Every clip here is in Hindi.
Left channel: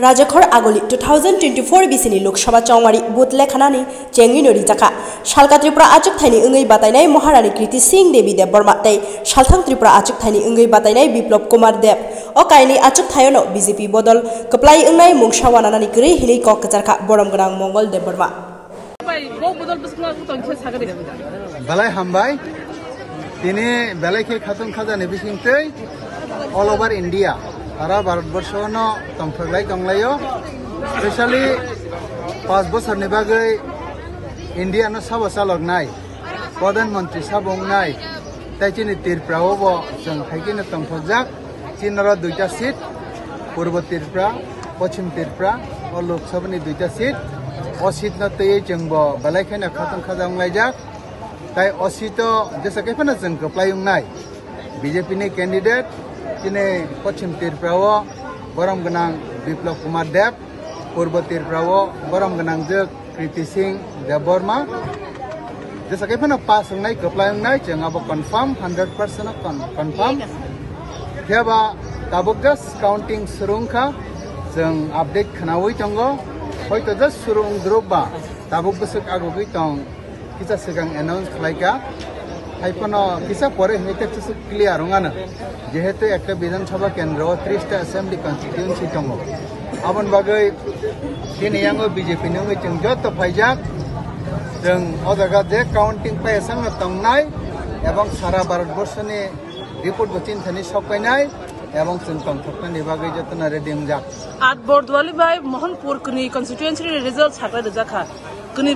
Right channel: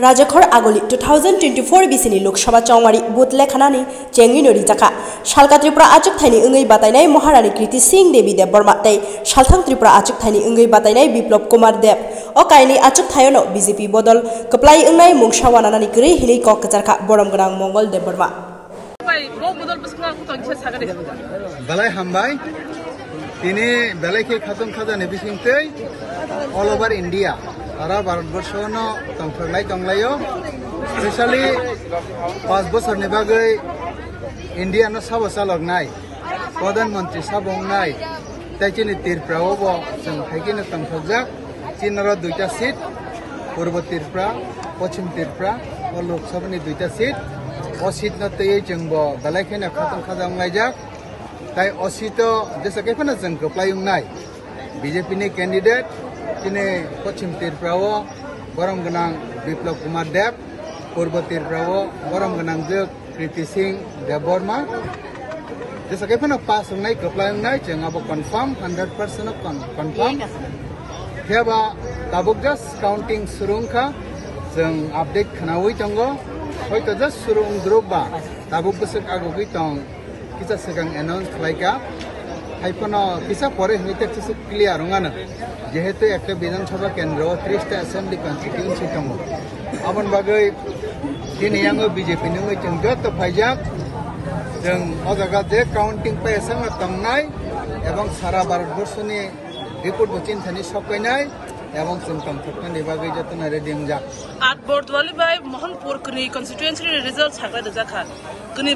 Rajakhor Aguli 2024 Bisini Luksabha Chongmari Booth Lekhana ni Chengwi no Rijakha Salka Tripura achuk thaini ungai batainai Maharani Kriti Singh Devi Dev Burma tei Salthang Tripura achuk thaini ungai batainai Biplop Kumar Dev o kaini achuk thayono BJP bodol keplai ungnai mungsa wananani gri hili kok kejarkha borom ganang Mongol Dev Burma Balai hambai kini balai ke khatung khaja nebisingtei all over India Ara Bharatbor no tongthlai tonglayo especially 5 bosor ni bagai India no sabo salok nai Pradhan Mantri sabong nai taikini Tripura bo jeng thaikini tongthojak tinara duita seat Purbo Tripura Paschim Tripura o Luksabha ni duita seat o seat na tei jengbo balai khene khatung khaja ongaijak tai o seat jesa kaifana jeng apply ungnai BJP ni candidate Kini Paschim Tripura borom ganang Biplop Kumar Dev, Purbo Tripura borom ganang Jek Kriti Singh Dev Burma. Jasa kaifana pas ungnai keplai ungnai jeng abo confirm 100% confirm. Tiaba tabuk jas counting surungkha jeng update khanawi tongo. Hoito jas surung druba tabuk besuk agogi tong kita sedang announce khlaika. Haipono kisa pore hoite kisa clear ungana. যেহেতু একটা বিধানসভা কেন্দ্র 30টা অ্যাসেম্বলি কনস্টিটিউয়েন্সি দङ আবন বাগै दिनै आङो बिजेपि नों जों जत फाइजाक जों ओ जायगा जे काउन्टिं पैसाङ तंनाय एवं सारा भारतबर्षनि रिपोर्ट बचिनथानि सकायनाय एवं जों तंथकनानि बागै जतना रेडि जाक आट बरदवाली बाय मोहनपुर कनि कन्स्टिट्युएन्सि रिजल्ट साखा जाखा कनि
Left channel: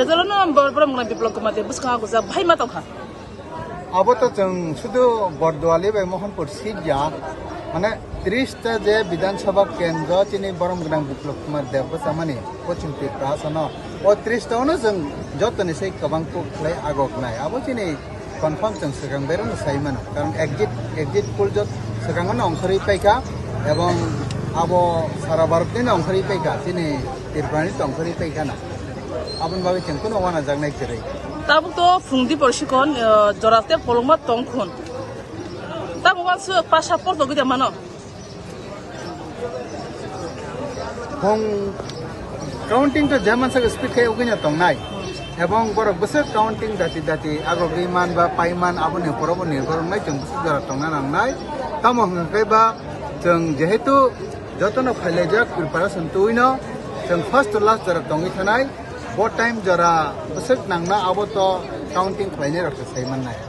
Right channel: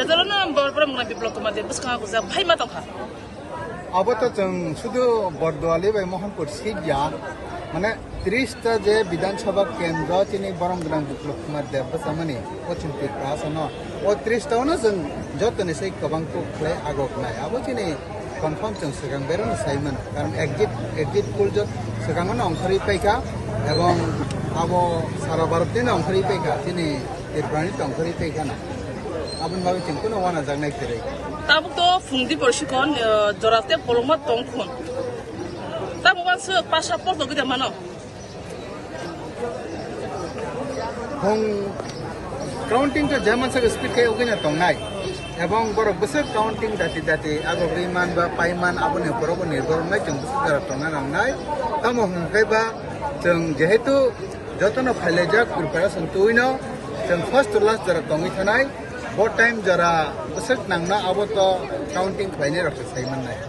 रिजल्ट न बरबरम बिप्लव कुमार देव बसखा को जा भाइ मा तखा अब तो जों शुद्ध बरदवाली बाय मोहनपुर सीट जा माने 30टा जे विधानसभा केन्द्र तिनि बरम गनां बिप्लव कुमार देव बसामानि पश्चिम त्रिपुरा सनो ओ 30टावनो जों जतनि सै गोबांखौ फ्लाय आगकनाय अब तिनि कन्फर्म जों सिगां बेरनो साइमान कारण एग्जिट पोल जत सिगांनो अंखरि पाइका एवं अब सारा भारतनि अंखरि पाइका तिनि त्रिपुरानि अंखरि पाइका ना आबन बागै जोंखौनो वाना जागनाय जेरै Tabuk to fungdi persikon jorate polongma tongkhon. Tabuk wansu passport to gida mano. Hong counting to German sa speak kay ugina tongnai. Ebong borok besar counting dati agogri man ba paiman abon ni porobo ni gormai jeng besar dara tongna nangnai. Tamo hangkai ba jeng jehetu jotono phailejak preparation tuino jeng first to last dara tongi thanai. What time jara besar nangna abo to counting final of the Simon night.